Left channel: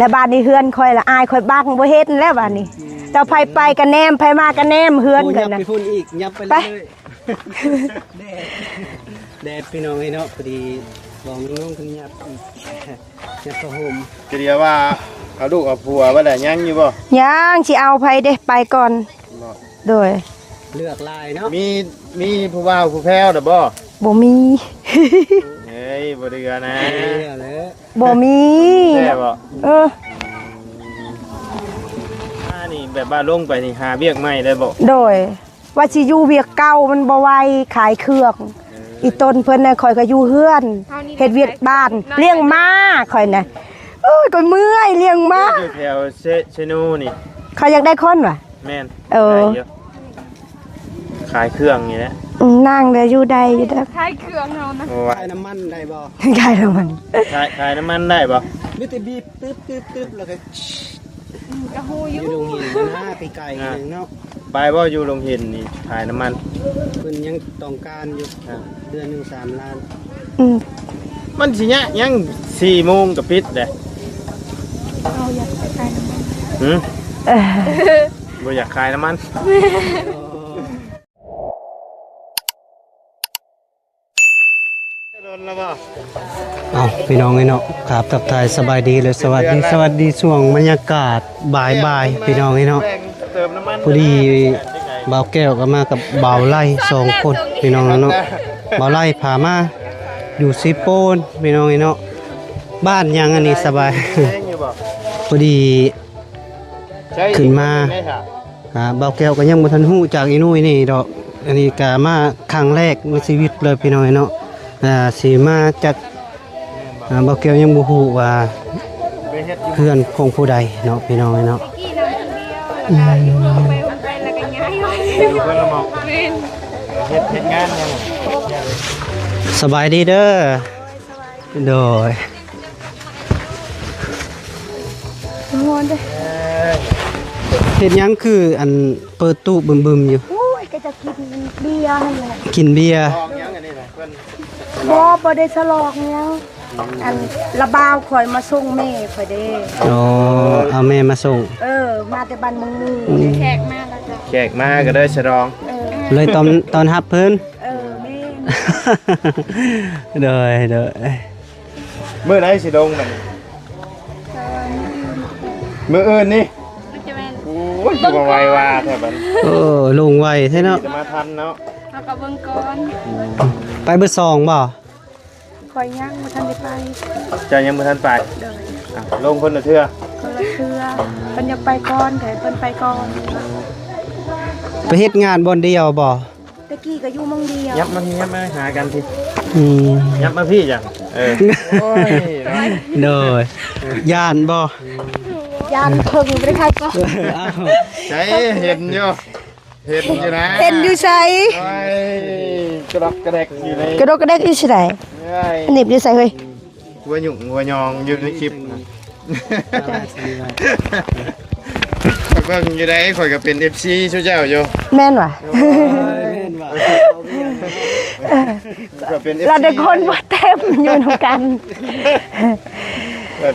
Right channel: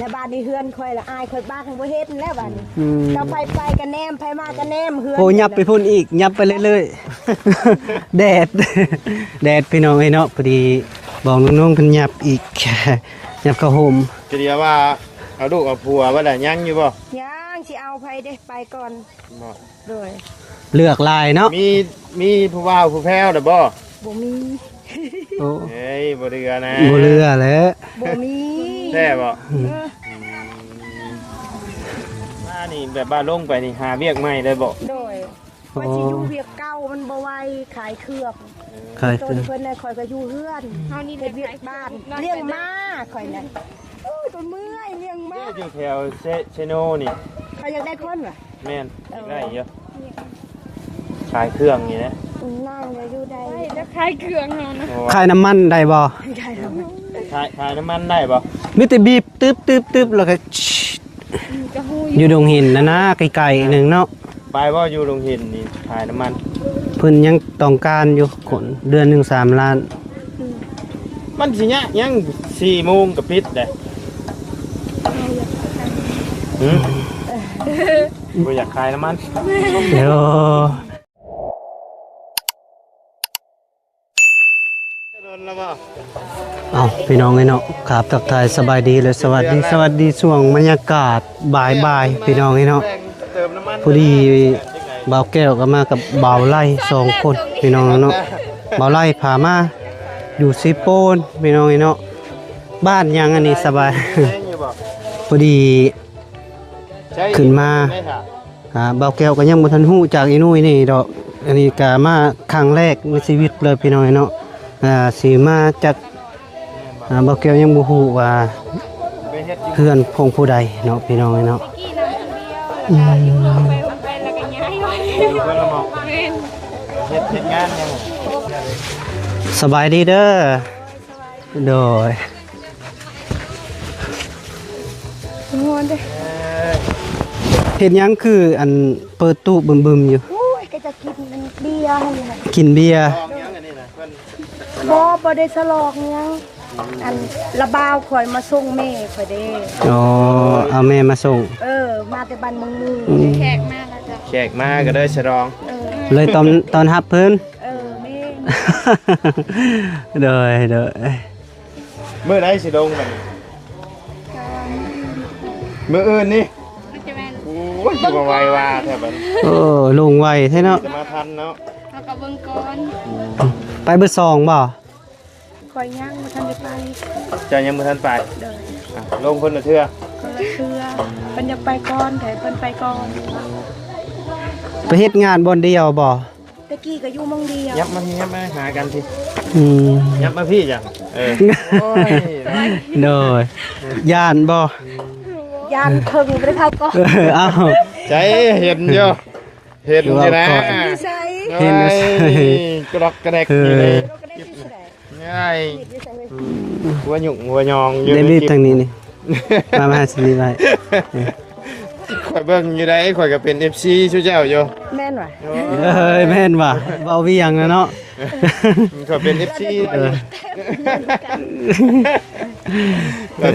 แล้วบ้านนี้เฮือนค่อยละอายค่อยบังบ่เฮ็ดแล้วบ้านนี้เจ้าไปกันแนมไผมากันแนมเฮือนโอ้ยับไปพุ่นอีกยับไปเรื่อยๆแดดพี่น้องเนาะพอดีบอกน้องๆเพิ่นยับอีกยับเข้าโฮม จะเรียกว่าเอาลูกเอาผัวว่าได้ยังอยู่บ่ยังสิเอาไผเด้ไปก่อนโดยเลือกลายเนาะมีผู้ว่าวผู้แพ้วเด้อบ่บ่มีเฮ้ยบ่เรือนะบ่เรือแล้วบ่มีแท้บ่นี่แบบบ้านลงไปนี่หาเวียกใหม่ได้บ่โดยว่าสิอยู่เวียกเก่ามันบ่ไหวขายเครื่องอีต้นเพิ่นน่ะข่อยก็อยู่เฮือนเฮ็ดเวียกบ้านเลี้ยงม้าข่อยน่ะโอ้ยก็เมื่อยเลี้ยงม้าอยู่แถวเชโนนี่เขาอยากได้คนว่ะแม่นขายเครื่องนี่นะนั่งเด้อยู่ใดอยู่เด้ขายเครื่องเนาะขายน้ำมันได้บ่ขายน้ำมันขายน้ำมันได้บ่มีแต่บีบตึ๊บแล้วก็อยู่ดงหินนะไกลๆนึงเนาะไปบ่อยู่โรงเรียนนี่ขายน้ำมันเพิ่นยังต้องการอยู่คนเดือนนึง3 ล้านมันสิยัง4 โมงก็ปิดเด้บ่อยากขายน้ำมันเดี๋ยวเอาพี่น้องเนาะครับทักทายสบายดีเลยสวัสดีช่วงบรรยากาศบ่ายพี่น้องเนาะพอดีบ่าวแก้วก็มากับบ่าวไล่2 คนพี่น้องเนาะบ่าวไล่พามาอยู่ซิโปนพี่น้องเนาะบ้านยังอันนี้สบายพอดีขึ้นมาบ่าวแก้วก็ยังบ่ทันฮู้จากอีนุ่ยนี่ดอกอันนี้ก็มาครั้งแรกในชีวิตเลยพี่น้องเนาะสีมาจากบ่าวแก้วยังบ่ฮู้ว่าเพื่อนของผู้ใดเนาะพี่น้องเนาะเฮ็ดงานยังสบายดีเด้อโดยเฮ็ดหยังคืออันเปิดตู้บึมๆอยู่โอ้ยก็จะกินเบียร์นั่นแหละกินเบียร์บ่ได้ฉลองยังอันระบาวข่อยมาส่งแม่ข่อยเด้อ๋อเอาแม่มาส่งมาแต่บ้านเมืองนึงแขกมาแล้วจ้ะแขกมาก็ได้ฉลองเลยตอนรับเพิ่นแม่เด้อมื้อใดสิลงบัดนี้มื้ออื่นนี่โอ้ยบ่ไหวว่าแท้บัดโอ้ลงไวแท้เนาะจะมาทันเนาะเฮาก็เบิ่งก่อนไปเบอร์2บ่ข่อยยังบ่ทันได้ไปจะยังบ่ทันไปลงคนละเทื่อเพิ่นอยากไปก่อนแต่เพิ่นไปก่อนไปเฮ็ดงานบ่เดียวบ่ตะกี้ก็อยู่มองเดียวยับมาหากันสิยับมาพี่จ้ะโอ้ยโดยย่านบ่ย่านเพิ่งบ่ได้พายก็อ้าวใช่เห็นอยู่นะเป็นอยู่ไสกระดกกระแดกอยู่เลยกระดกกระแดกอยู่ไสหนีบอยู่ไสเฮ้ยหัวหยุ่งหัวยองอยู่ในคลิปทางนี้นี่มาสิไว้เบิ่งอยู่ไหนข่อยก็เป็น FC ชูเจ้าอยู่แม่นว่ะแม่นว่ะเอาพี่ยังเนาะก็เป็น FC เราได้คนมาเต็มอยู่นำกัน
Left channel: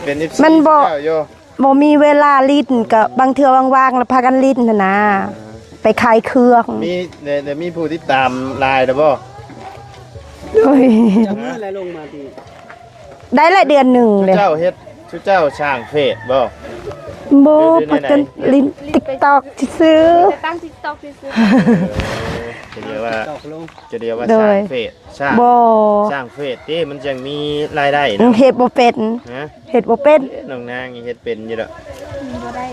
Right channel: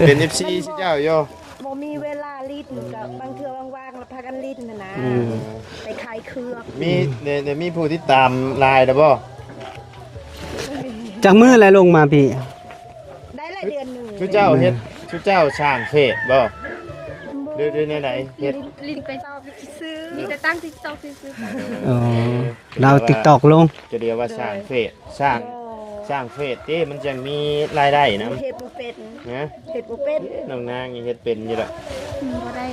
เป็น FC มันบ่อยู่บ่มีเวลาลิ้นก็บางเทื่อว่างๆแล้วพากันลิ้นนะไปขายเครื่องมีผู้ติดตามไลน์เด้อบ่จากมื้อแล้วลงมาพี่ได้ละเดือน1เลยชูเจ้าช่างเฟซบ่ปัจจุบันลิ้น TikTok ซื้อตั้ง TikTok ซื้อเรา TikTok ลงจะเรียกว่าช่างเฟซช่างเฟซที่มันจังมีรายได้เฮ็ดบ่เป็นนะเฮ็ดบ่เป็นน้องนางเฮ็ดเป็นอยู่ดอกบ่ได้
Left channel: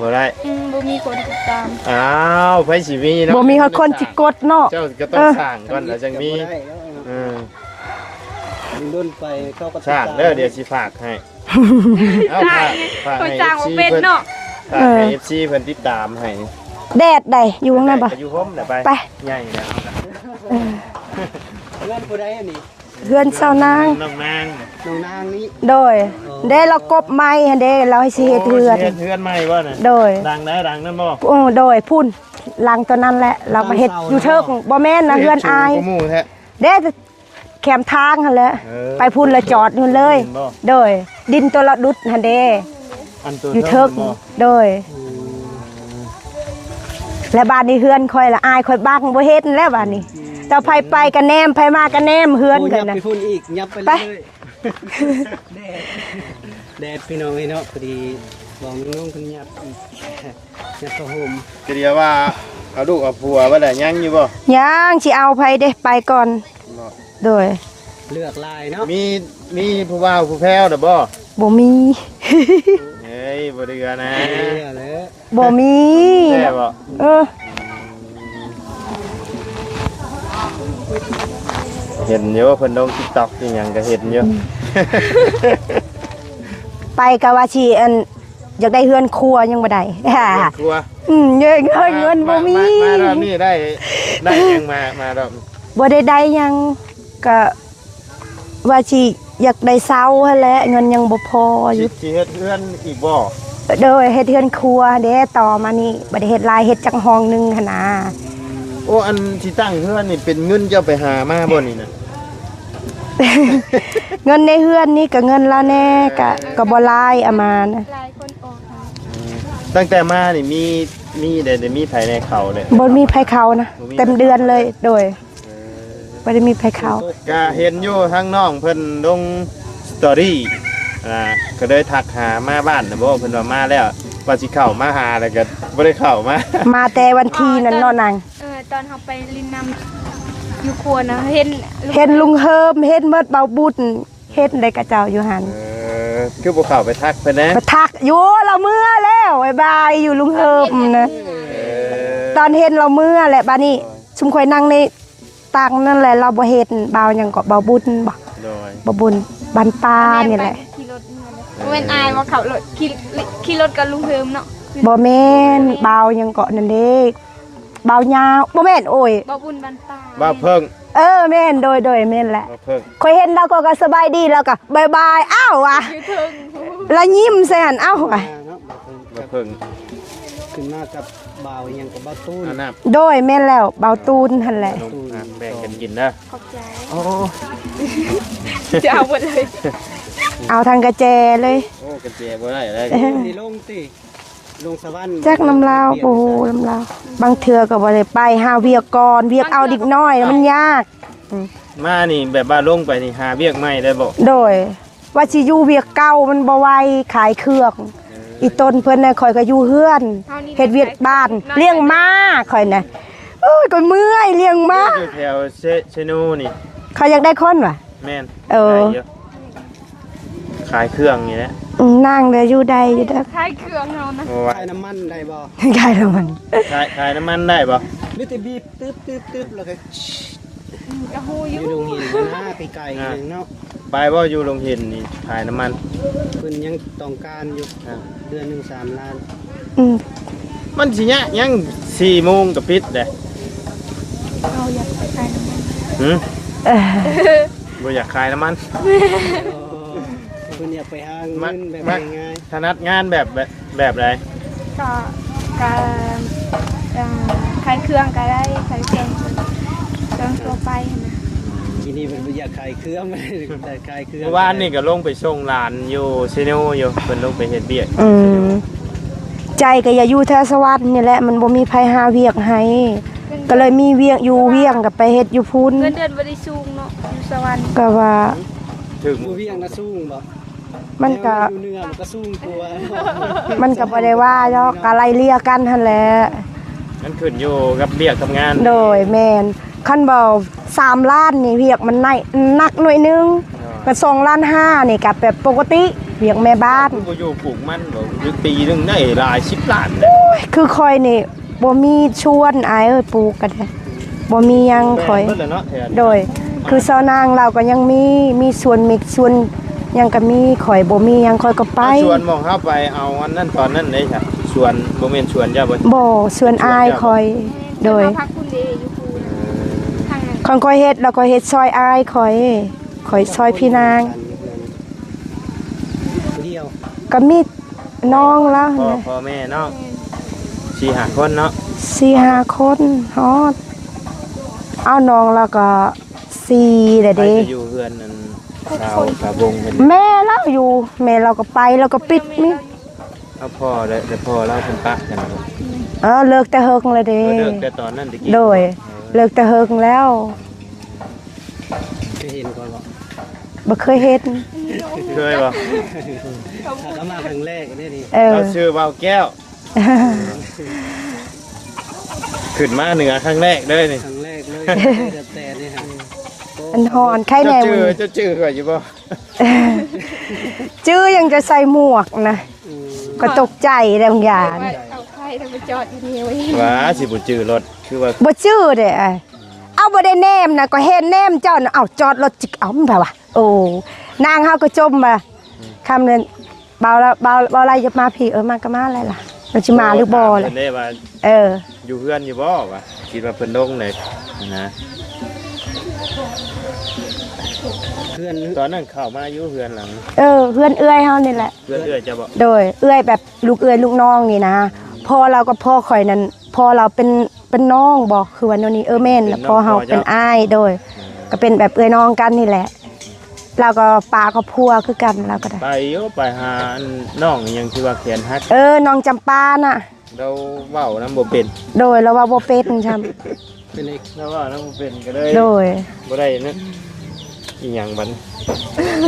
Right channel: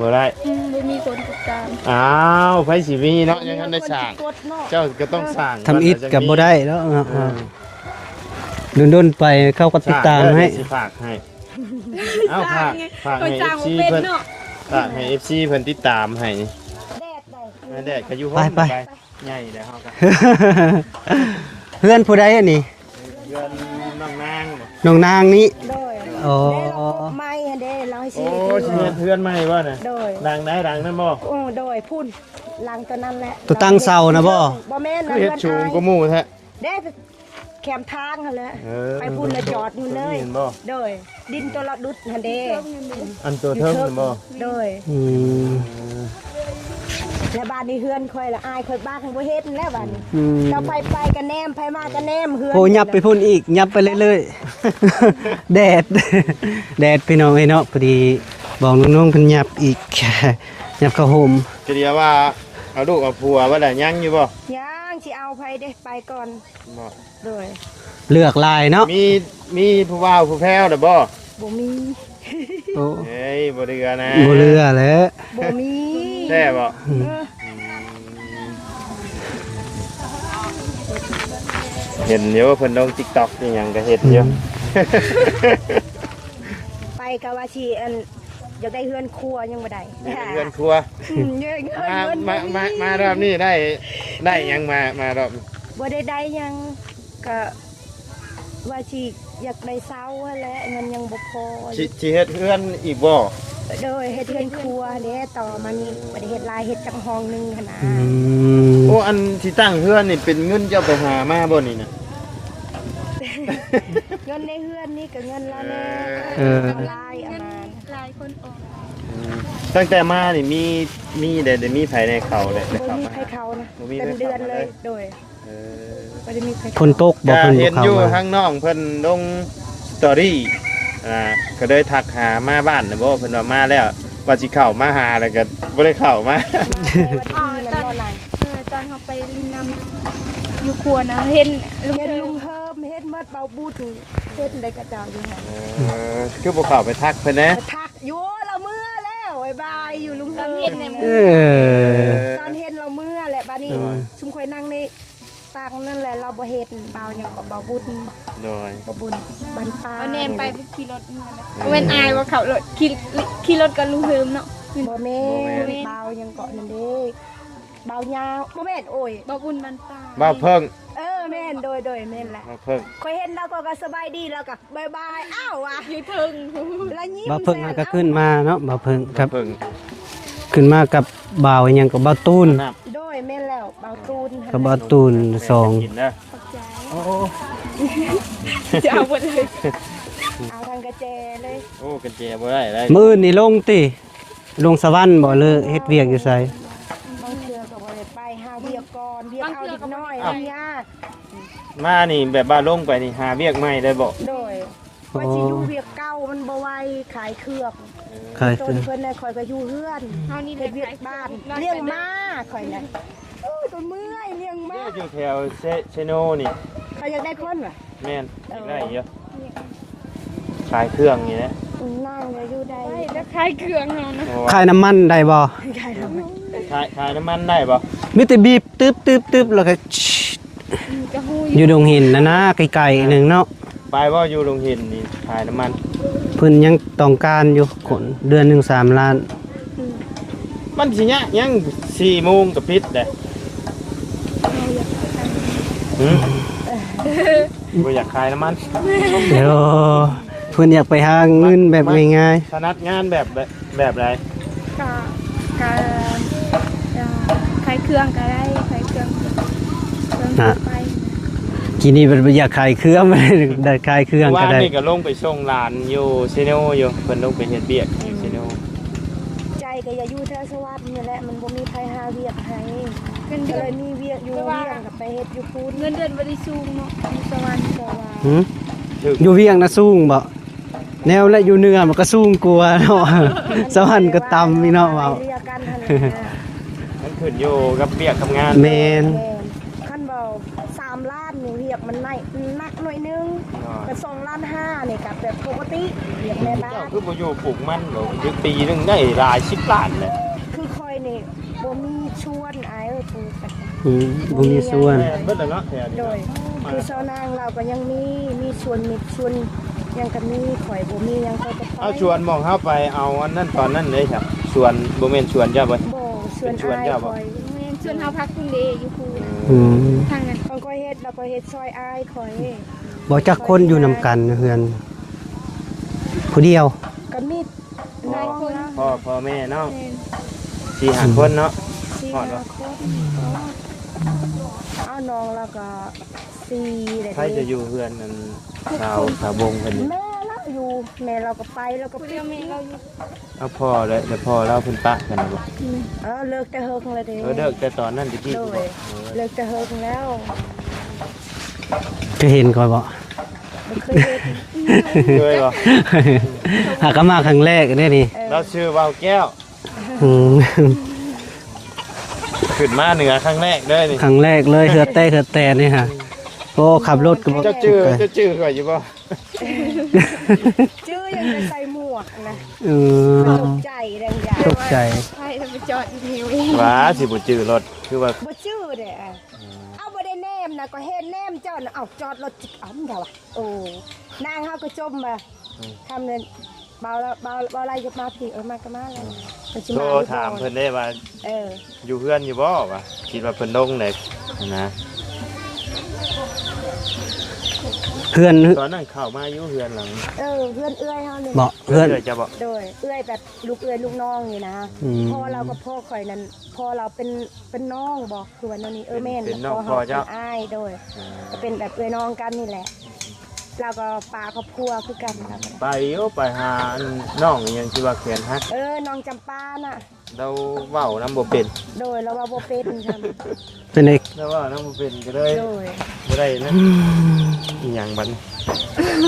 บ่ได้บ่มีคนติดตามอ้าวไผสิมีเนาะบ่มีคนสิกดเนาะเจ้าก็ต้องสร้างทำอิฐก็บ่ได้แล้วดนๆไปเข้าก็ติดตามให้สิฝากให้ฝากให้จ้างบ่เป็นเนาะให้ FC เพิ่นติดตามให้แดดได้อยู่ข้างในบ่ไปใหญ่แล้วเพื่อนผู้ใดอันนี้ เพื่อนเซานางน้องนางนี้โดยเด้เรากบไม้เด้เราให้สิเฮ็ดเฮือนใหม่บ่น่ะโดยดังไหนดังนั่นบ่โดยพุ่นหลังตัวนั้นแหละเราตั้งเสานะบ่แม่นนะเฮือนอายเด้แคมทางหั่นแหละไปพุ่นละจอดนู่นเลยโดยดินตัวละดุดหั่นเด้ อันตัว อยู่ เทิ เทิ ง ก บ่ โดย อืม และบ้านนี้เฮือนคอยละอายคอยบังบ่เฮ็ดแล้วบ้านนี้ อืม เจ้าไผไปกันแนมไผมากันแนมเฮือน โอ้ยับ กัน ไป น่ะ พุ่นอีกยับไปเรื่อยๆ แดดแดดพี่น้องเนาะพอดีบอกน้องๆเพิ่นยับอีก ยับเข้าโฮม ทีเดียวว่าเอาลูกเอาผัวว่าได้ยังอยู่บ่ ยังสิเอาไผเด้ไปก่อน โดย เลือกลายเนาะ มีผู้ว่าวผู้แพ้วเด้อบ่ บ่มี โอ้ เฮ้ยบ่เดือนะ บ่เลือแล้ว บ่มี แท้บ่ เออ เห็นอยู่เพิ่นลง TikTok อีหยังก็เห็นอยู่ ไปก็ว่าสิอันอยากได้เฮือนครัวยังบ่ได้ เงินครัว เงินบ่มี มารอบนี้ได้ยังมารอบ บ่ได้หยังก็ว่าสิอยากได้เซาหั่นแหละเงินยังบ่พออ คิ ยู่ ดสิเฮ็ดเฮือนอีกบ่ โดยเฮ็ดเฮือนครัวเด้ต่อมานี่บ่ได้เฮ็ดหลายเฮ็ดจังห้องหนึงหั่นนะ อืม โอ้อันที่ตั้งเฮือนนี่เป็นเงินเจ้าไปหามาบ่นี่นะ เงินในเฮือนนี่ก็เงินละแน่ก็บ่หลายเอามานะ หลายคนออกค่ะ ตั้งแต่มานี่มีได้มีไผในเขาเลย บ่มีไผเขานะเต็มเดือนเลยโดยบ่ได้มีไผ ฝ เขา นตกบ่ ก็ เพิ่น เห็นอยู่ ข้ามา ข้างน้องเพิ่นลงสตอรี่ก็เลยทักหามาบ้านนะบ่เพิ่นว่ามาแล้วว่าสิเข้ามาหาแล้วก็บ่ได้เข้ามา มาแต่วันที่นั้นเนาะนาง ตอนเขาไปลินน้ำอยู่ครัวนะเห็น เห็นลุงเฮิมเห็นเมิดเบาบุญเฮ็ดได้กระเจ้าอยู่หัน คือบ่เข้าไปทักเพิ่นนะ มาทักอยู่เราเมื่อแล้วบ๊ายบายอยู่ลุงเฮิมนะ เออ ตอนเห็นเราเมื่อแหละบ้านี้ชุมข่อยนั่งในตังนั่นแหละเราบ่เฮ็ดเบาหยังก็เบาบุญบ่ โดย บ่บุญบ้านป้านี่แหละ ขี่รถเมื่อเว้นอายว่าเขารถขี่รถกับลุงเฮิมเนาะ บ่แม่นเบาหยังก็นั่นเด้เบายาวบ่แม่นโอ้ย บ่บุญบันตา บ่เพิ่ง แม่นโดยแม่นแหละ บ่เพิ่ง ข่อยเห็นแล้วก็สบายดีแล้วก็บ๊ายบายอ้าวว่ะ อยู่เทิง แล้วยิ้มแซ่นอ้าว ขึ้น ว่ะ มาเนาะบ่าวเพิ่งครับ เพิ่ง ขึ้นมากับบ่าวอิหยังกับบ่าวตูน นับ โดยแม่นแล้วเบาตูนหั่น กับ แหละ บ่าวตูนสอง กินเด้อ โอ้ จะเอาหมดเลย เอาทางกระแจเลย โอ้กระเจบ่ได้เลย มื้อนี่ลงติลงสวรรค์บ่ แจ็ค เลย น้ำลา เฮ็ด ว เวียกอยู่ไส น้ำลาวบางเทื่อก็บ่ได้ไปหาเวียกก่อนเวียกเอาดิกน้อยแล้วมันยาก มานี่แบบว่าลงไปนี่หาเวียกใหม่ได้บ่ โดย ว่าสิอยู่เวียกเก่ามันบ่ไหวขายเครื่องอีต้นเพิ่นน่ะข่อยก็อยู่เฮือนเฮ็ดเวียกบ้านเลี้ยงม้าข่อยน่ะโอ้ยก็เมื่อยเลี้ยงม้า อยู่แถวเชโนนี่ เขาอยากได้คนว่ะ แม่น เออ ขายยะขายเครื่องนี่นะ นั่งเด้อยู่ได้อยู่ได้ คล้ายเครื่องเฮานะ โอ้ ขายน้ำมันได้บ่ ขายแล้วมัน ขายน้ำมันได้บ่ มีแต่บีบตึ๊บแล้วก็ ก็ฮู้ อยู่ดงหินนะไกลๆหนึงเนาะ ไปบ่อยู่โรงเรียนนี่ขายน้ำมัน เพิ่นยังต้องการอยู่คนเดือนหนึง3 ล้าน อืม มันสิเนี่ยยัง4โมงก็ปิดเด้หืมบ่อยากขายน้ำมัน เดี๋ยวเพิ่นอยากไปหาเงินแบบง่าย ถนัดงานแบบใด ก็ก็คล้ายเครื่องก็ได้คล้ายเครื่องไป ๆกินนี่เพิ่นบ่อยากขายเครื่อง ได้ขายเครื่องก็ ว่า ได้ นี่ก็ลงไปส่งหลานอยู่เชโนอยู่เพิ่นลงไปเฮ็ดเวียก อืมใจก็อย่าอยู่แถวสวัสดิ์นี่แหละมันบ่มีไผหาเวียกให้ก็เลยมีเวียกอยู่เวียงก็ไปเฮ็ดอยู่พุ่น เงินเดือนบ่ได้สูงเนาะสวรรค์ ก็ว่า อยู่เวียงนะสูงบ่ มัน แนว ก็ แล้วอยู่เหนือมันก็สูงกว่าเนาะ มัน ส ก็ วร บ่ รค์ ได้ ก็ ว่า ต่ำ เนาะ นี่เนาะ อะไรเรียกันหั่นแหละ มันขึ้นอยู่กับเวียกทำงาน โดยแม่นคันบ่3ล้านนี่เวียกมันนักหน่อยนึงก็2ล้าน5นี่ก็แบบปกติเวียกแม่บ้าน ก็อยู่ปลูกมันบ่อยู่ปีหนึงได้หลาย10ล้านเด้ คือคอยนี่บ่มีชวนอายเอ้ยปลูกกันแท้ อืม บ่มีหยัง ส่วน ข่อย เพิ่นเลยเนาะแถวนี้ โดย คือเซานางเราก็ยังมีส่วนมิกส่วนหยังก็มีข่อยบ่มีหยังข่อยก็ไป ชวนมองเข้าไปเอาอันนั้นตอนนั้นได้ครับชวนบ่แม่นชวนเจ้าบ่ บ่ส่วนอายข่อยโดย พักคุณเดอยู่คูนะ อืม ทางนั้น ข่อยก็เฮ็ดแล้วก็เฮ็ดซอยอายข่อยจัก ซอย คน พี่ อยู่ นาง นำกันเพื่อนผู้เดียว ก็มีน้องแล้ว พ่อแม่เนาะ4-5คนเนาะ 4-5 คนฮอดเอาน้องแล้วก็4แล้ว ไป เด้ จะอยู่เพื่อนนั่นสาววงเพิ่น แม่เราอยู่แม่เราก็ไปแล้วก็ปิดมิ เอาพ่อแล้วแต่พ่อแล้วคุณปะกันบ่ เลิกแต่เฮิงเลยเด้ เลิกแต่ตอนนั้นตะกี้ โดยเลิกแต่เฮิงแล้ว จะเห็นก่อนบ่ บ่เคยเฮ็ด เคยบ่ หากมาครั้งแรกนี่นี่ เราชื่อเบาแก้ว อืม ขึ้นมาเหนือครั้งแรกเลยนี่ ครั้งแรกเลยเฮือเต้เฮือแตนนี่ฮะโอ้ขับรถ ใครแน่ จะชื่อข่อยอยู่บ่ จื้อยังจะใส่หมวกนะ อืม ก็ตกใจแล้วบางอย่าง ตกใจ ใช่แล้วไปจอดอยู่นี่ไว้ ว้าสิบ่ชื่อรถคือว่า บ่จื้อเด้เอาบ่ได้แนมนะก็เห็นแนมเจ้าน่ะเอาจอดรถจิกเอามันแบบว่าโอ้นางเฮาก็จมมาคำนั้นเบาแล้วเบาอะไรจะมาพี่มาก็มาอะไรล่ะเราสิมาหรือบ่ล่ะ ได้ว่า อยู่เพื่อนอยู่บ่วะคิดว่าเพิ่นลงเลยนะ เพื่อน ตอนนั้นเข้ามาอยู่เพื่อนหลัง เพื่อนเอื้อยเฮานี่แหละ เพื่อน จะบอก โดยเอื้อยแบบลูกเอื้อยลูกน้องนี่นะพ่อเรากับพ่อข่อยนั้นพ่อเราเป็นน้องบอกคือวันนี้แม่นแล้วพ่อเฮาเป็นอ้ายโดย ก็เป็นแบบเอื้อยน้องกันนี่แหละเราก็ปลาก็พัวคือกันเราก็ได้ ไปอยู่ไปหาน้องยังที่ว่าแขนหัก น้องจำปาน่ะ เราเว้านำบ่เป็น โดยเราว่าบ่เป็นใช่ เป็นเอก เราเว้านำบ่เป็นก็เลย โดย บ่ได้นะอีหยังบัด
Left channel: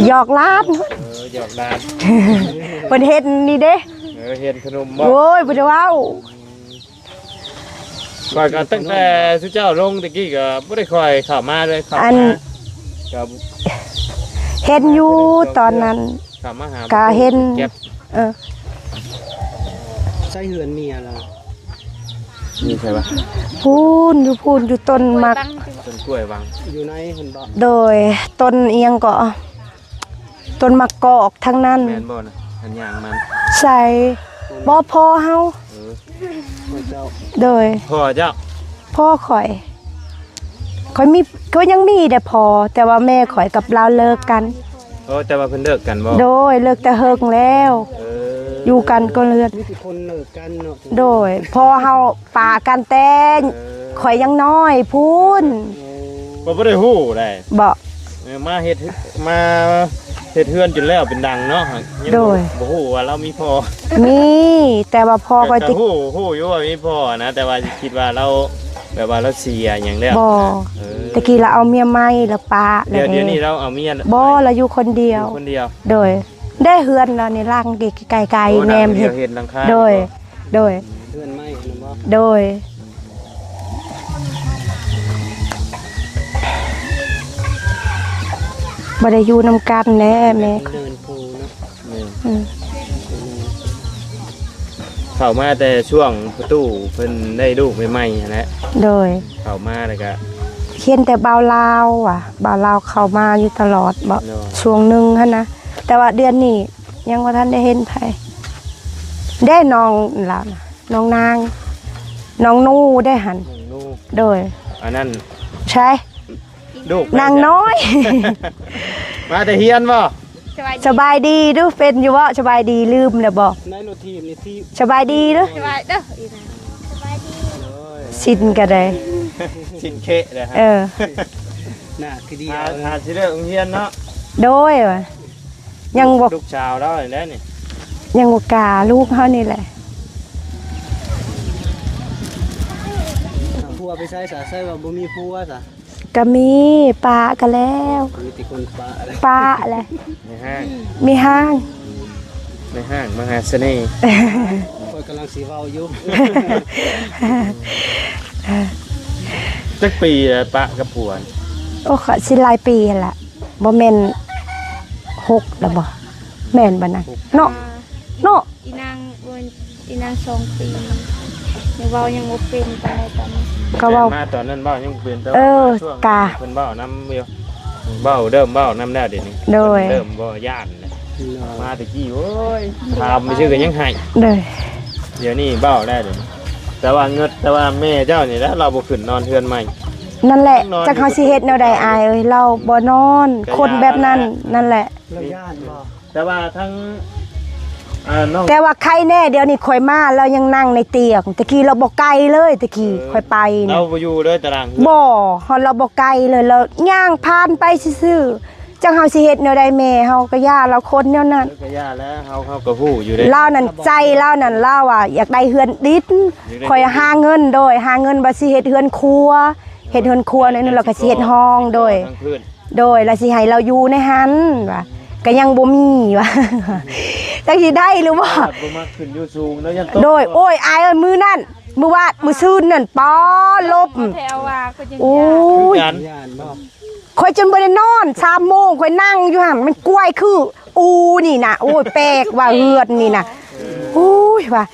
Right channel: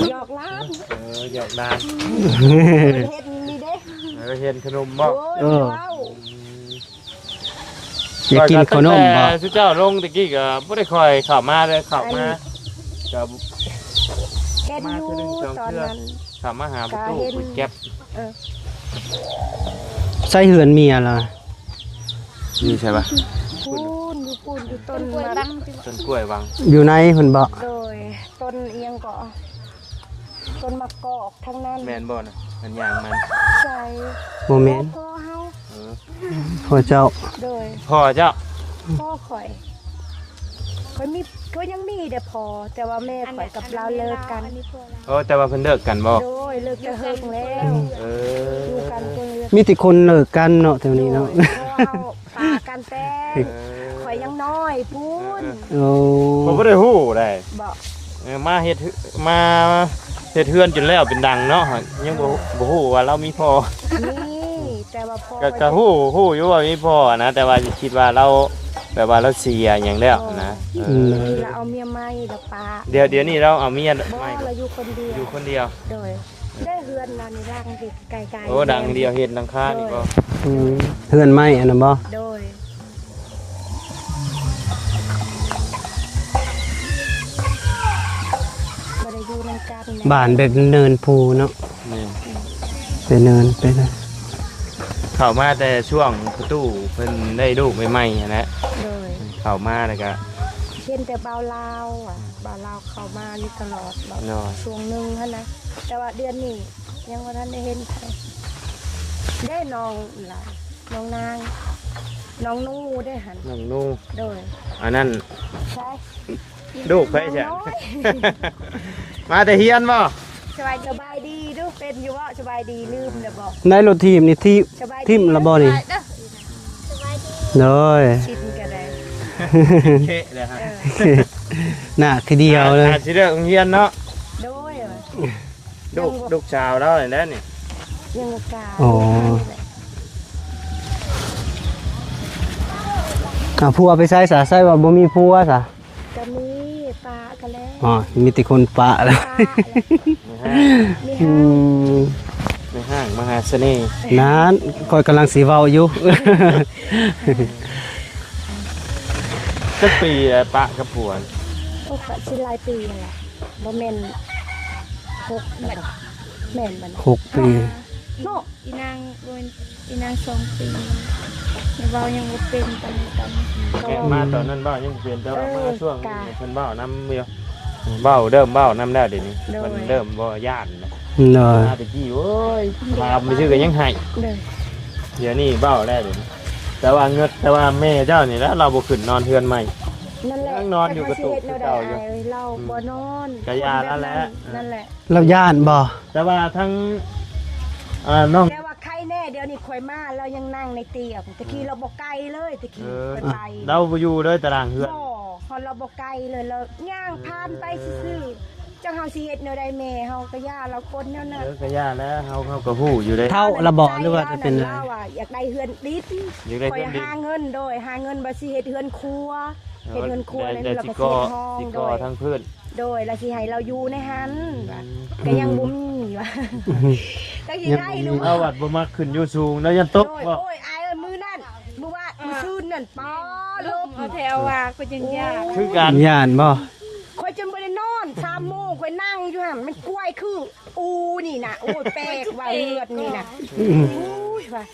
หยอกล้าน หยอกดาน เพิ่นเฮ็ดนี่เด้ เฮ็ดขนมบ่ โอ้ยบ่ได้เว้า อยากกินขนมบ่ สุเจ้าลงตะกี้ก็บ่ได้ค่อยเข้ามาเลยเข้ามาก็ เห็นอยู่ตอนนั้น เข้ามาหา ก็เห็น เก็บ เออ ใส่เหือนเมียล่ะ นี่ใช่ป่ะ พูนอยู่ต้นมัก ต้นกล้วยวัง อยู่ในเพิ่นบ่ โดยต้นเอียงก็ต้นมะกอกทั้งนั้น แม่นบ่น่ะอันอย่างมัน ใส่ บ่มี บ่พอเฮา พ่อเจ้า โดย พ่อเจ้า พ่อข่อยมีก็ยังมีแต่พอ แต่ว่าแม่ข่อยกับเราเลิกกัน แต่ว่าเพิ่นเลิกกันบ่ โดยเลิกแต่เฮิงแล้ว อยู่กันก็เลิก มีแต่คนเลิกกันเนาะถึง โด นี้ ย เนาะ พอเฮาปากันแต่งข่อยยังน้อยพูน โอ้ ผมบ่ได้ฮู้ได้ บ่ มาเฮ็ดเฮือนจนแล้วเป็นดังเนาะยัง โดย บ่ฮู้ว่าเรามีพ่อ มีแต่ว่าพอข่อย แต่ ติ ฮู้อยู่ว่ามีพ่อนะแต่ว่าคิดว่าเราแบบว่าเราเสียหยังแล้ว บ่ตะกี้เราเอาเมียใหม่แล้วปา เดี๋ยวนี้เราเอาเมีย บ่เราอยู่คนเดียว คนเดียว โดย ได้เฮือนเราในร่างไกลๆแนม เดี เห็ ยวน เห็นหลังคา โดย โดย เฮือนไม้อันนั้นบ่ โดยบ่ได้อยู่นำกันแน่ บ้านแบบ แม่ เนินภูเนาะ อืม เป็นเนินเป็นเนิน เข้ามาแต่ช่วงประตูเพิ่นได้ลูกใหม่ๆนั่นแหละ โดย เข้ามาแล้วก็ เขียนแต่บ่าวลาวบ่าวลาวเข้ามาอยู่ตลอดบ่ โดย ช่วงหนึงหั่นนะแต่ว่าเดือนนี้ยังบ่ทันได้เห็นไผได้น้องล่ะน้องนางน้องนู่ได้หัน น้องนุ่ง โดย อันนั้น ใช่ ลูก นางน้อย มาแต่เฮียนบ่ สบายดีดูเป็นอยู่บ่สบายดีลืมแล้วบ่ ในรถทีมนี่ที่ สบายดี ทีม เด้ ระบ่ อ นี่ เด้อ เลย ชินก็ได้ เคเลยครั เออ น่ะคือเดียวเลย สิเด้อเฮียนเนาะ โดยว่ะยังบ่ ลูกชาวเราเลยนะนี่ ยังบ่กล้าลูกเฮานี่แหละ ผัวไปใส่สาใส่ว่าบ่มีผัวซะ ก็มีปลาก็แล้ อ๋อ ว มีแต่คนปะแล้ว ปลาอะไร มีห้าง มีห้าง มีห้างมหาเสน่ห์ นั้นคอยกำลังสีเว้าอยู่ สักปีแล้วปะกับผัว โอ้ขอสิหลายปีหั่นล่ะบ่แม่น6แล้วบ่แม่นบ่นะ 6 ปี เนาะเนาะ อีนาง2 ปีแต่เว้ายังบ่เป็นปานใดตอนนี้ ก็เว้า มาตอนนั้นเบ้ายังเป็นแต่ เออ ช่วง กะ เพิ่นเบ้าน้ำเดียวเบ้าเริ่มเบ้าน้ำได้เดี๋ยวนี้ โดย เริ่มบ่ย่านนะ เลย มาตะกี้โอ้ยถามไม่ชื่อกันยังให้ เด้อ เดี๋ยวนี้เบ้าได้เลยแต่ว่าเงินแต่ว่าแม่เจ้านี่แล้วเราบ่ขึ้นนอนเทือนใหม่ นั่นแหละ นอน จักเฮาสิเฮ็ดแนวใดอายเอ้ยเราบ่นอน ก็ คนแบบนั้นนั่นแหละ เราย่านบ่ แต่ว่าทั้งน้อง แต่ว่าใครแน่เดี๋ยวนี้ข่อยมาเรายังนั่งในเตียงตะกี้เราบ่ไกลเลยตะกี้ข่อยไปนะ เราบ่อยู่เลยตารางเฮือน บ่ฮอดเราบ่ไกลเลยเราย่างผ่านไปซื่อ จังเฮาสิเฮ็ดแนวใดแม่เฮาก็ย่าเราคนแนวนั้น ก็ย่าแล้วเขาก็ฮู้อยู่ได้ เล่านั่นใจเล่านั่นเล่าอ่ะอยากได้เฮือนดิดคอยหาเงินโดยหาเงินบ่สิเฮ็ดเฮือนครัวเฮ็ดเฮือนครัวนั่นเราก็สิเฮ็ดห้องโดย ทั้งพื้น โดยแล้วสิให้เราอยู่ในหันว่าก็ยังบ่มีว่า จังสิได้หรือบ่ บ่มาขึ้นอยู่สูงแล้วยันตก โดยโอ้ยอายเอ้ยมื้อนั้นมื้อว่ามื้อซื่นนั่นป้อลบ แถวว่าก็ยัง โอ้ คือย กัน ย่านบ่ ข่อยจนบ่ได้นอน3 โมงข่อยนั่งอยู่หั่นมันกล้วยคืออูนี่น่ะโอ้ยแปลกว่าเฮือดนี่น่ะโอ้ยว่า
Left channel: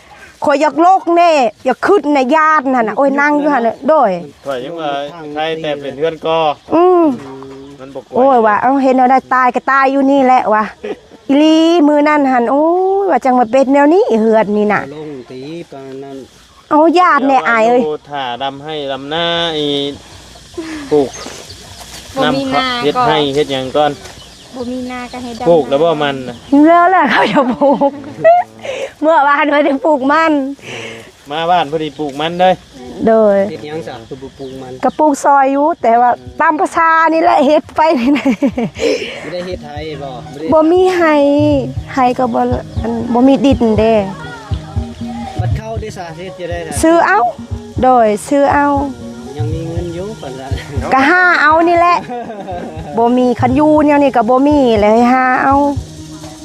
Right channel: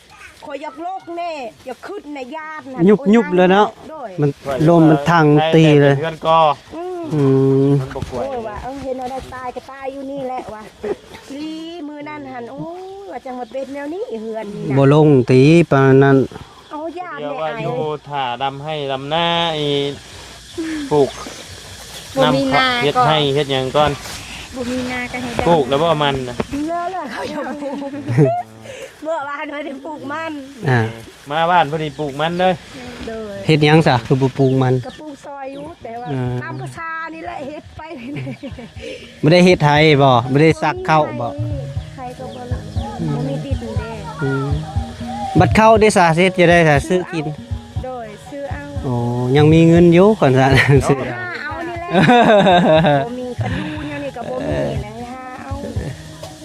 ข่อยอยากโลกแน่อยากขึ้นในญาตินั่นน่ะโอ้ยนั่งอยู่หั่นเลยโดย มันลมมันทางตีเลย เพื่อนก็ อืม อืม มันบ่กลัว โอ้ยว่าเอาเห็นเอาได้ตายก็ตายอยู่นี่แหละว่ะอีหลีมือนั่นหันโอ้ยว่าจังมาเป็นแนวนี้เหือดนี่น่ะ บ่ลงตีปานนั้น เอาญาติแน่อายเอ้ย ดูถ่าดำให้ดำหน้าอีปลูก บ่มีนา เฮ็ด ก็ ให้เฮ็ดหยังก่อน บ่มีนาก็ให้ได้ ปลูกแล้วบ่มันน่ะ แล้วแหละเขาจะปลูก เมื่อวานว่าจะปลูกมัน อ่า มาบ้านพอดีปลูกมันเลย โดย เฮ็ดหยังซะคือบ่ปลูกมัน กระปลูกซอยอยู่แต่ว่าตามประชานี่แหละเฮ็ดไปนี่นะ บ่ได้เฮ็ดไทยบ่บ่ได้ บ่ ซัก มี เข้า ให้ บ่ ให้ก็บ่มีดินเด้ บัดเข้าได้ซะเฮ็ดจะได้ซะ ซื้อเอา กิน โดยซื้อเอา โอ้ยังมีเงินอยู่ก่อนซะ ก็หาเอานี่แหละ บ่มีคันอยู่เนี่ยนี่ก็บ่มีเลยหาเอา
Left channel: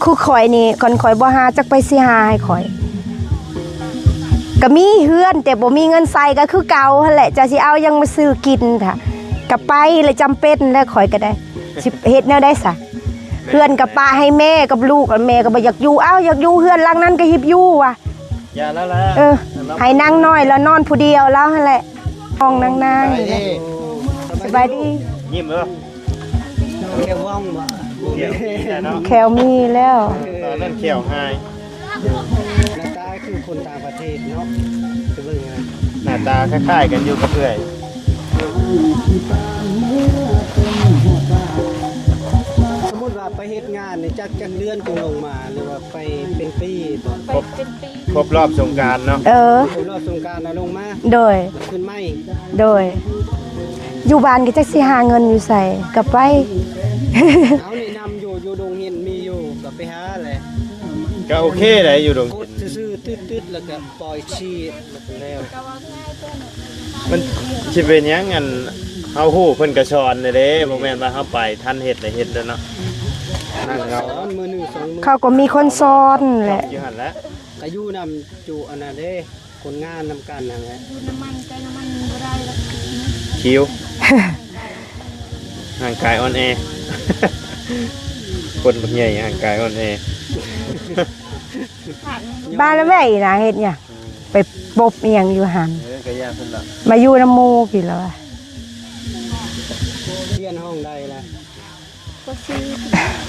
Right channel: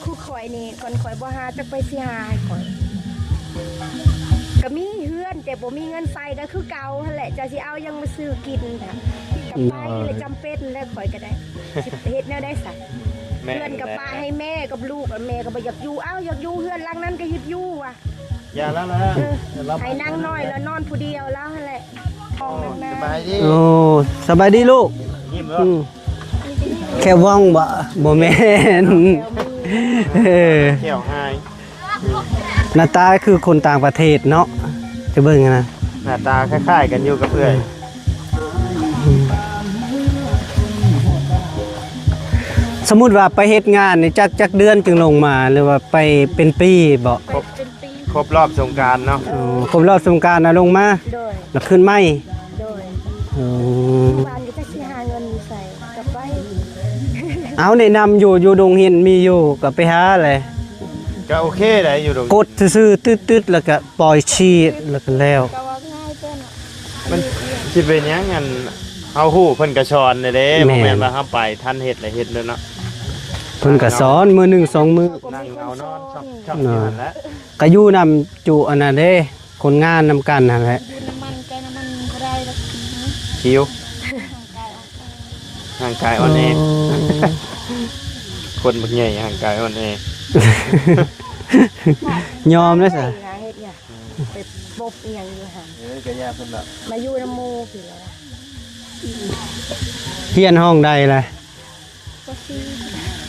คือข่อยนี่ก่อนข่อยบ่หาจักไปสิหาให้ข่อยก็มีเฮือนแต่บ่มีเงินใส่ก็คือเก่าหั่นแหละจะสิเอายังมาซื้อกินค่ะก็ไปเลยจำเป็นแล้วข่อยก็ได้สิเฮ็ดแนวได้ซะเฮือนกับป้าให้แม่กับลูกแล้วแม่ก็บ่อยากอยู่เอ้าอยากอยู่เฮือนหลังนั้นก็หิบอยู่ว่ะ อย่าแล้วล่ะ เออให้นั่งน้อยแล้วนอนผู้เดียวแล้วหั่นแหละห้องนั่ง โอ้สบายดีลูก ยิ้มแล้ว แค่ว่องบ่แม่น แขวมีแล้ว เออ เที่ยวให้ หน้าตาคือคนต่างประเทศเนาะจะเบิ่งนะ หน้าตาคล้ายๆกันอยู่กับเอื้อย สมมุติว่าไปเฮ็ดงานนี่จักเดือนจึงลงมาหรือว่าไปเป็นปีบ่ ครบรอบสงกรานต์เนาะ เออ ผมรอบสงกรานต์น่ะลงมา โดย แล้วขึ้นไหม โดยอยู่บ้านก็จักสิหาเงินอยู่ใส่กับไป เอาแนะนำอยู่ดงเห็นมีอยู่ก็ไปหาเลย ก็โอเคเลยอยู่ตรง กดซื่อๆตึ๊ดๆแล้วก็ปล่อยชีดแล้วก็แล้ว มันสิเป็นหยังอันเฮาฮู้เพิ่นก็สอนเลยเด้ แม่ บ่แม่นว่าเฮาไปทันเฮ็ดแต่เฮ็ดเลยเนาะ เพิ่นก็สอนมื้อหนึ่งสองมื้อ เขาก็มีคนสอนแหละ อยู่นั่นแหละ ก็อยู่นำจุอันนั้นเด้คนงานนำกันนั่นแหละ คิวร่างกายอ่อนแอคนบักใหญ่ร่างกายอ่อนแอย อ บ้าม น เลย ไหน สิ นะเฮ็ดเนี่ยไปปบอีหยังอยู่หัน ก็ยาเพิ่นล่ะ มาอยู่น้ำหมู่พี่แล้วอะ เฮียนห้องใดล่ะ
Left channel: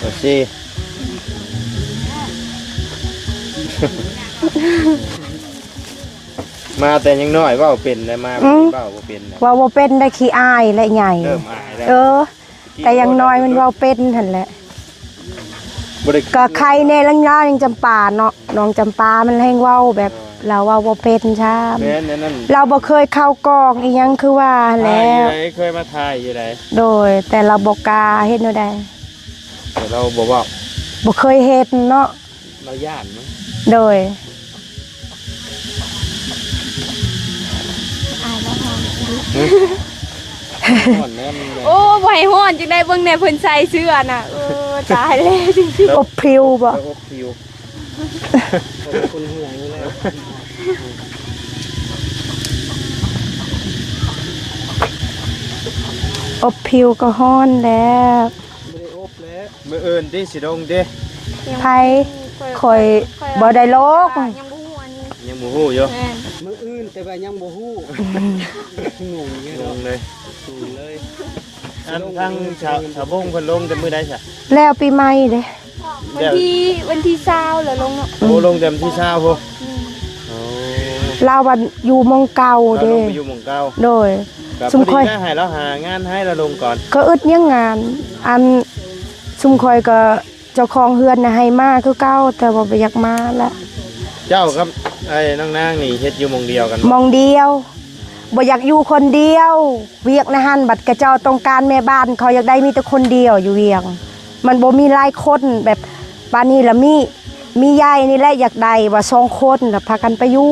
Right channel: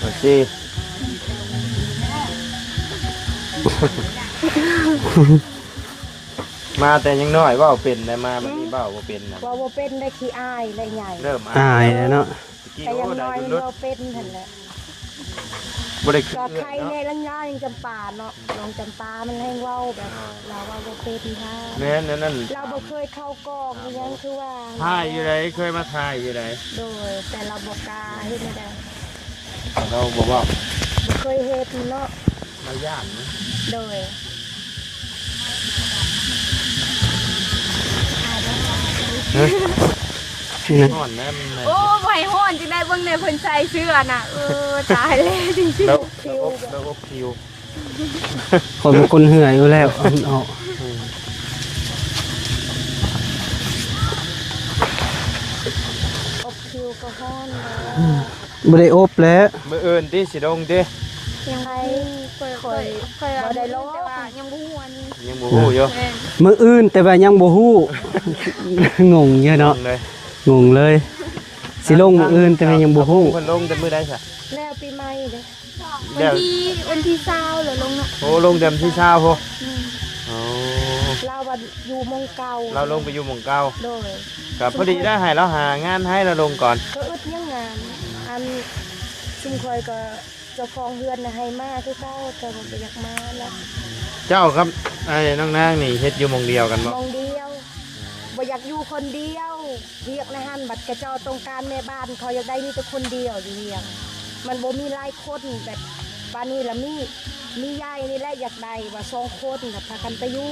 โอเคมาแต่ยังน้อยเว้าเป็นได้มาเว้าบ่เป็นนะ ว่าบ่เป็นได้ขี้อายและใหญ่ เริ่ม อาย เอ แล้ว อ เนาะ แต่อยังน้อยมันเว้าเป็นหั่นแหละ บ่ได้ ก็ใครแน่ลังยายังจำปาเนาะน้องจำปามันแฮงเว้าแบบเราเว้าบ่เป็นช้า แม่นนั่น เราบ่เคยเข้ากองอีหยังคือว่า ถ่าย แล้ อยู่ ว ไหนเคยมาถ่ายอยู่ไหน โดยแต่เราบ่กล้าเฮ็ดแนวใด แต่เราบ่บอก บ่เคยเฮ็ดเนาะ มาย่านนะ โดย ก่อนนะมันแบบ โอ้บ่ให้ฮ้อนจังได้เบิ่งแน่เพิ่นใส่เสื้อน่ะตายเลยจริง อบพริวบ่ แล้วก็คิว คนเป็นคนเหื่อยอยู่แล้วเอา อบพริวก็ฮ้อนแล้ว บ่ได้อบแล้ว มื้ออื่นที่สิลงเด้ ไผข่อยบ่ได้โลก ยังบ่ฮู้อยู่ มื้ออื่นแต่ว่ายังบ่ฮู้ งงเยอะเนาะ เลย งงเลย สิลงมื้ออื่นแต่ว่ายังบ่ฮู้ เพิ่นลงแต่มื้อใดซะ แล้วปีใหม่เด้ วันที่20แล้วลงเนาะ โอ้ลงเต็มที่เช้าพุ่นโอ้ เราวันอยู่หมองเก่า เรา เด้ ลงไปอยู่หม่องเก่า โดย ก็ ซุ พ ม อดี ค่อย ได้ให้เราหางานให้เราลงก่อน ก็อึดยังงาน อันซุมคอยก็เจ้าของเฮือนน่ะให้มาคือเก่าแต่ว่าบ่อยากมาละ เจ้าครับไอ้น้องนางนี่เฮ็ดอยู่หม่องเดียวกัน มองเดียวบ่อยากอยู่คนเดียว เวียกนะฮั่นบัดกระเจ้าต้องการแม่บ้านเขาอยากได้มีแต่คนเดียวอยู่เวียง มันบ่มีหลายคนแบบปานนี้ละมียายนี่แหละอยากได้ว่า2คนแล้วพากันไปอยู่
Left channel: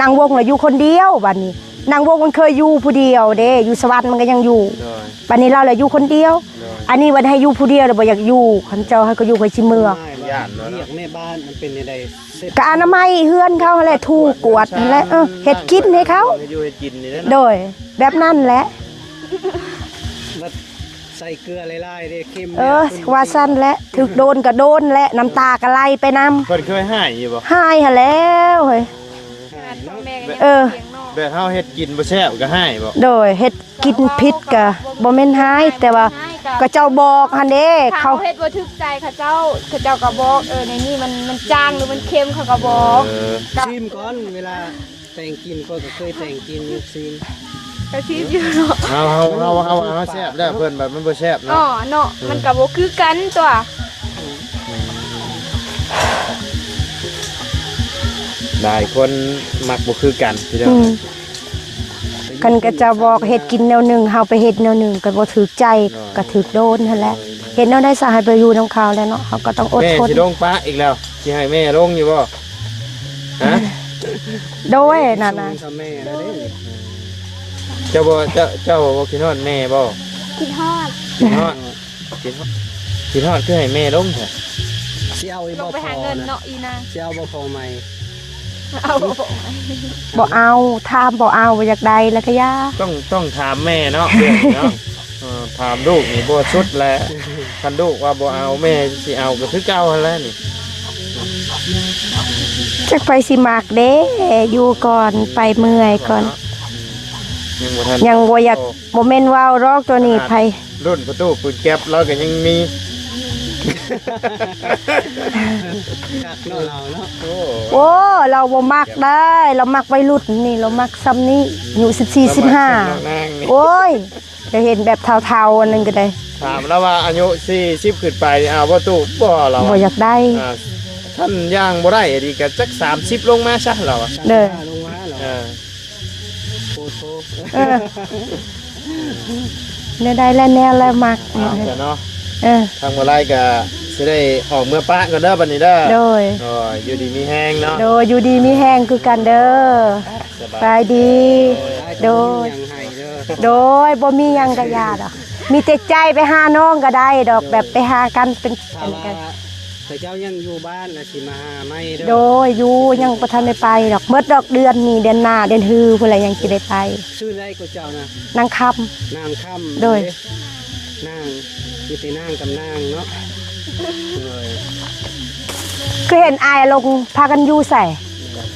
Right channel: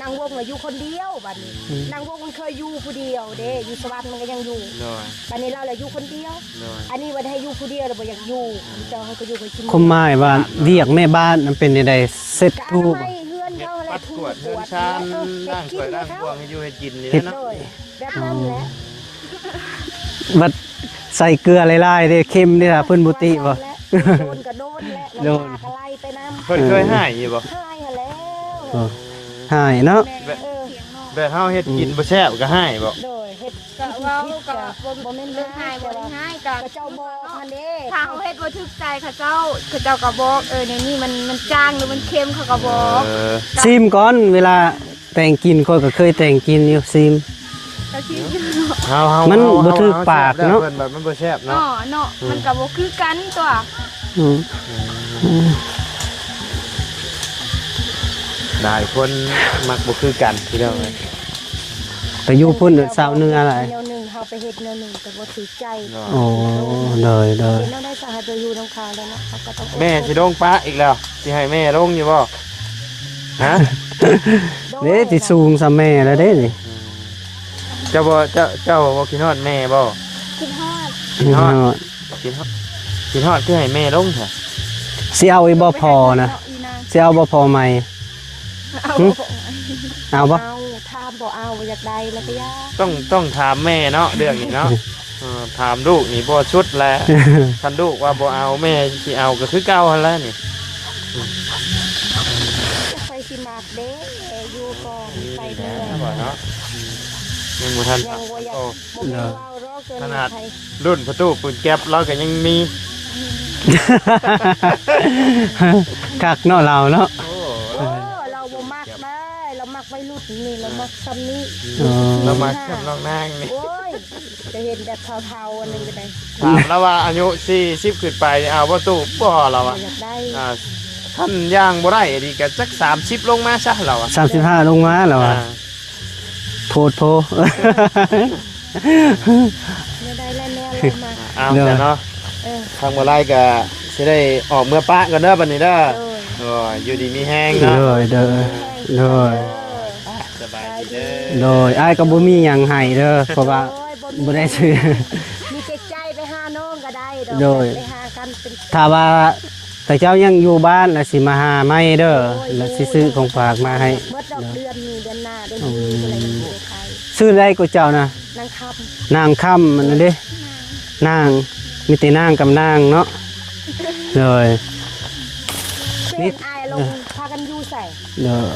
นางวงแล้วอยู่คนเดียวบัดนี้นางวงมันเคยอยู่ผู้เดียวเด้อยู่สวรรค์มันก็ยังอยู่ โดย บัดนี้เราเลยอยู่คนเดียว อันนี้วันให้อยู่ผู้เดียวแล้วบ่อยากอยู่คันเจ้าให้ก็อยู่ไปชิเมื คุณ อง หมายว่าเรียกแม่บ้านมันเป็นใดๆเสร็จ ก็อนามัยเฮือนเขาแหละถูกกวดนั่นแหละเฮ็ดกินให้เขา ให้อยู่ให้กินนี่แหละ โดยแบบนั้นแหละ บัดใส่เกลือหลายๆเด้เค็มเนี่ยเพิ่นบ่ ว่า ติ ซั่น บ่ แหละถึกโดนก็โดนแหละน้ำตาก็ไหลไปนำ เพิ่นเคยให้อยู่บ่ หายหั่นแล้วเฮ้ย หายเนาะ เออ แบบเฮาเฮ็ดกินบ่แซ่บก็ให้บ่ โดยเฮ็ดกินพิษก็บ่แม่นหายแต่ว่าก็เจ้าบอกหั่นเด้ เขา เขา เฮ็ดบ่ถูกใจเขาเจ้าก็บอกในนี้มันจางหรือมันเค็มเขาก็บอก ซิมก่อนเวลาแต่งกินค่อยก็เคยแต่งกินอยู่ซิม เจ้าชี้อยู่ เฮา มันบ่ถูกปากเนาะ เพิ่นแบบมันบ่แซ่บ อ๋อ เนาะ เนาะมันก็บ่คือกันตัว อืม หลายคนมักบ่คือกันพี่น้อง ไปอยู่ คัน ค ก็ น เจ้า เสา บอก ร์นึง เฮ็ด อะไร กินแนวหนึงเฮาไปเฮ็ดแนวหนึงก็บ่ถูกใจก็ถูกโดนนั่นแหละ เลยเลย เฮ็ดแนวได้สาให้ไปอยู่นำเขาแล้วเนาะเขาก็ต้องอด แม่ ทน สิลงป้าอีกแล้วสิให้แม่ลงอยู่บ่ฮะ โดย เด้ที่ นั่น สูง น่ะ ซะแม่แล้วเด้นี่ เจ้าบ่คิดฮอดแม่บ่ ขี้ฮอด คิดฮอดคิดฮอดคือให้แม่ลงเถอะ สิเอาอีบ่พอนะสิเอาบ่พอใหม่ เอา เอา บ่ บ่ เอาถามบ่เอาบ่อยากได้แล้วก็ย่า ต้องถามแม่เนาะเรื่องนี้เนาะถามลูกนี่บ่ชุดแล้วคันลูกว่าบ่เอาแม่สิเอาก็คือเก่าหั่นแหละนี่ จักไปสิมากเด้อยู่ก่อนไปเมื่อยก่อน ยังบ่ทัน ยังบ่อยากบ่แม่นว่าวรอกตัวนี้ไผ รุ่นประตูปืนแก๊ปเราก็ยังมี คักเนาะเราเนาะ โอ้เราบ่มักได้ เรามักวัยรุ่นนี่เรามักซ้ำนี้อยู่14 15โอ้ยจะเห็นแบบเทาๆอันนึงก็ได้ ถามแล้วว่าอายุ40ขึ้นไปเอาประตูบ่เรา บ่อยากได้ ท่านย่างบ่ได้ดีก็จัก30ลงมาซะเราอ่ะ 35ลงมาแล้วอ่ะโพดโพ เนี่ยได้แล้วแนวแล้วมัก เอาเดี๋ยวเนาะ เออ ทางบ่ไรก็สิได้ออกเมื่อปะกันเด้อบัดนี้เด้อ โดย โอ้ยอยู่ดีมีแห้งเนาะ โดยอยู่ดีมีแห้งคือกันเด้อสบายดี โดยอ้ายก็บ่มีหยังให้เด้อเพราะ โด ว่าย บ่มีหยังก็ยาดอกมีแต่ใจไปหาน้องก็ได้ดอก โดย แบบไปหากันเป็น ถ้าว่าแต่เจ้ายังอยู่บ้านแล้วสิมาหาไม่เด้อ โดยอยู่ สิซื้ ยัง ข บ่ทันได้ไป ฝากมาให้ ดอกเบิดดอกเดือนนี้เดือนหน้าเดือนฮือพุ่นแหละยังสิได้ไป ซื้อได้ก็เจ้านะ นางคำ นางค่ำมัน โดย เด้นางมีแต่นางกับนางเนาะเลย ก็เห็นอายลงพากันอยู่ใส่ เด้อ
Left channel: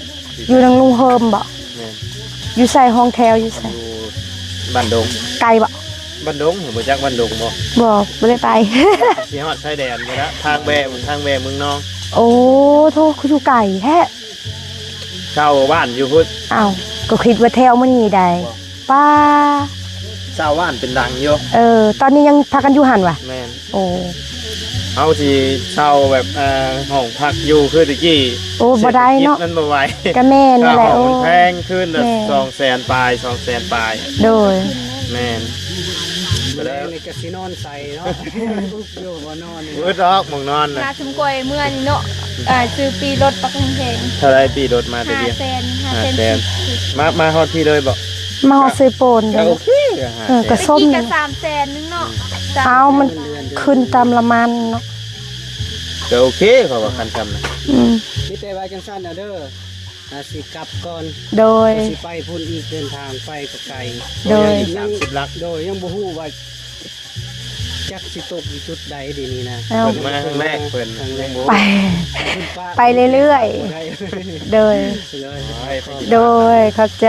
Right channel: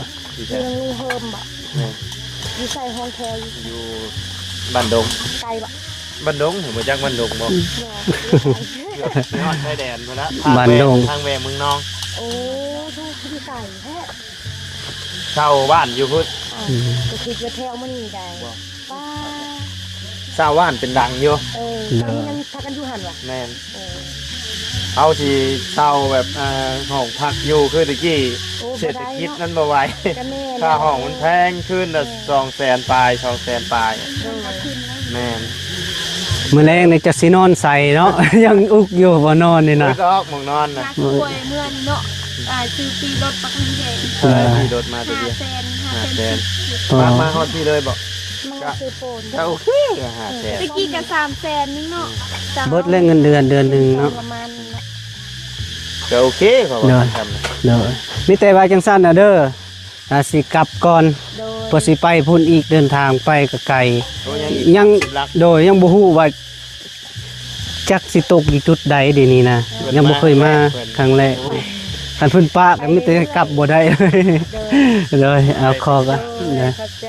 อยู่นางลุงเฮิมบ่อยู่ใส่ห้องแถวอยู่ใส่ บ้านดง ไกลบ่ บ้านดงบ่จักบ้านดงบ่ บ่บ่ได้ไป สิฮอดชายแดนไปแล้วทางแวเมืองนอง โอ้โทษคืออยู่ไก่แท้ เช่าบ้านอยู่พุ่น อ้าวก็คิดว่าแถวมันนี่ได้ป้า เช่าบ้านเป็นดังอยู่ ตอนนี้ยังพากันอยู่หันวะ แม่น โอ้ เอาที่เช่าแบบห้องพักอยู่คือตะกี้ โอ้บ่ได้เนาะ ศรษฐกิจมันบ่ไหว ก็แม่น ค่า นั่นแห ห้ ละ อง โอ้ มันแพงขึ้นละ แม่ 200,000ปลาย200,000ปลาย โดย แม่น มื้อแรงนี่จะสินอนใส่เนาะ ยังอุกอยู่บ่นอนนี่นะ อึดออกหมึงนอนน่ะ หาผู้ป่วยเมื่อนี้เนาะซื้อปีรถปักแพง เท่าไรปีรถมาตัวเดียว 500,000 มาฮอดพี่เลยบ่ มาฮอดซื้อโปนเด้ โอ อ เค ก็ ตะ ส้ม กี้ก็300,000นึงเนาะ เอา เบิด มัน เงินเดือนเดือนห ขึ้น นึง ตาม เนาะ ละมันเนาะ ก็โอเคเขาว่าคันจำนะ เด้อมีแต่ว่าจังซั่นน่ะเด้อถ้าสิกลับก่อน โดย พอสิไปพุ่นอีกเดินทางไปก็ไกล โดย ยังโดยยังบ่ฮู้ว่าจักสิตกอยู่จุดใดเดี๋ยวนี้นะยังบ่เคยมาครั้งแรก ไป คันเพิ่นป้า ไป ก็มีแต่ เรื่อยๆ กลับบ่ได้เลย โดย เลยเอาคอก็ โดยเข้าใจ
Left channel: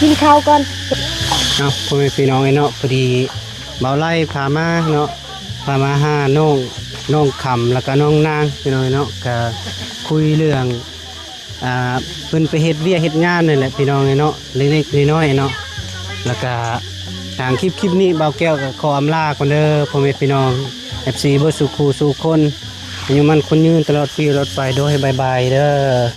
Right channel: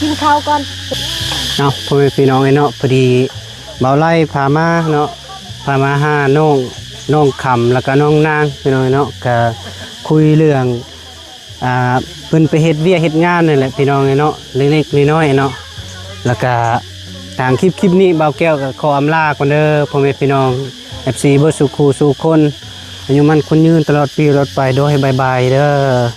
กินข้าวก่อน เอาพ่อแม่พี่น้องเนาะพอดีเบาไล่พามาเนาะพามาหาน้องคำแล้วก็น้องนางพี่น้องเนาะก็คุยเรื่องเพิ่นไปเฮ็ดเวียกเฮ็ดงานนี่แหละพี่น้องเนาะเล็กๆน้อยๆเนาะแล้วก็ทางคลิปนี้เบาแก้วก็ขออำลาก่อนเด้อพ่อแม่พี่น้อง FC เบิดสุขูสู่คนอายุมันคนยืนตลอดปีตลอดไปโดยบ๊ายบายเด้อ